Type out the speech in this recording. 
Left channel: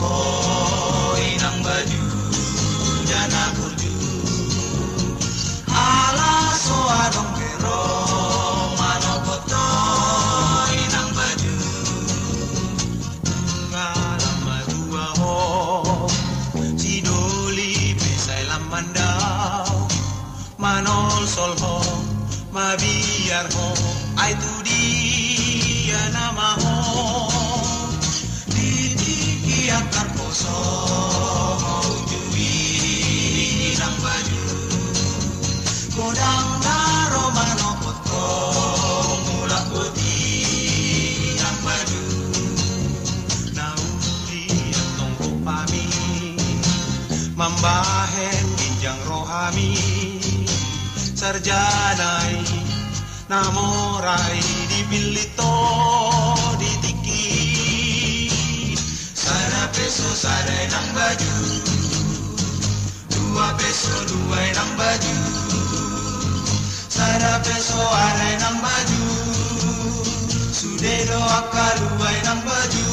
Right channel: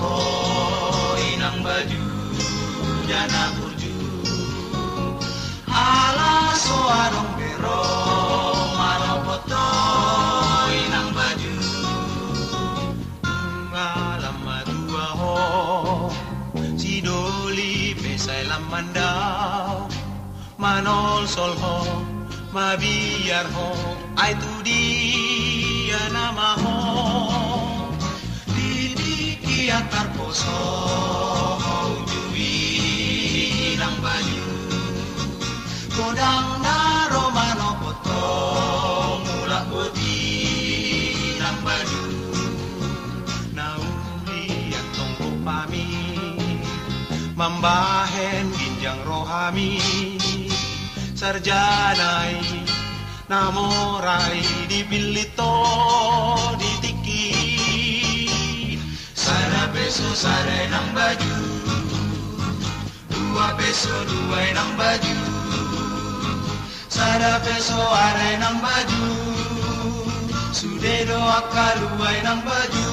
koi nang baju jana burju ala so arong pero mano kotoi nang baju ngalam madua ho si doli pesai lamandau manol sol ho mabiar ho ai tu dia nama ho didi antar poso ujui nang baju godang naro mano poto mulak bodi nang baju nauli antong pami mambahen ginjang rohami sarjanai namorai dipilito ditiki sada peso sada nang baju 2 peso 2 nang baju sada peso are nang baju sudedo akaluai nang baju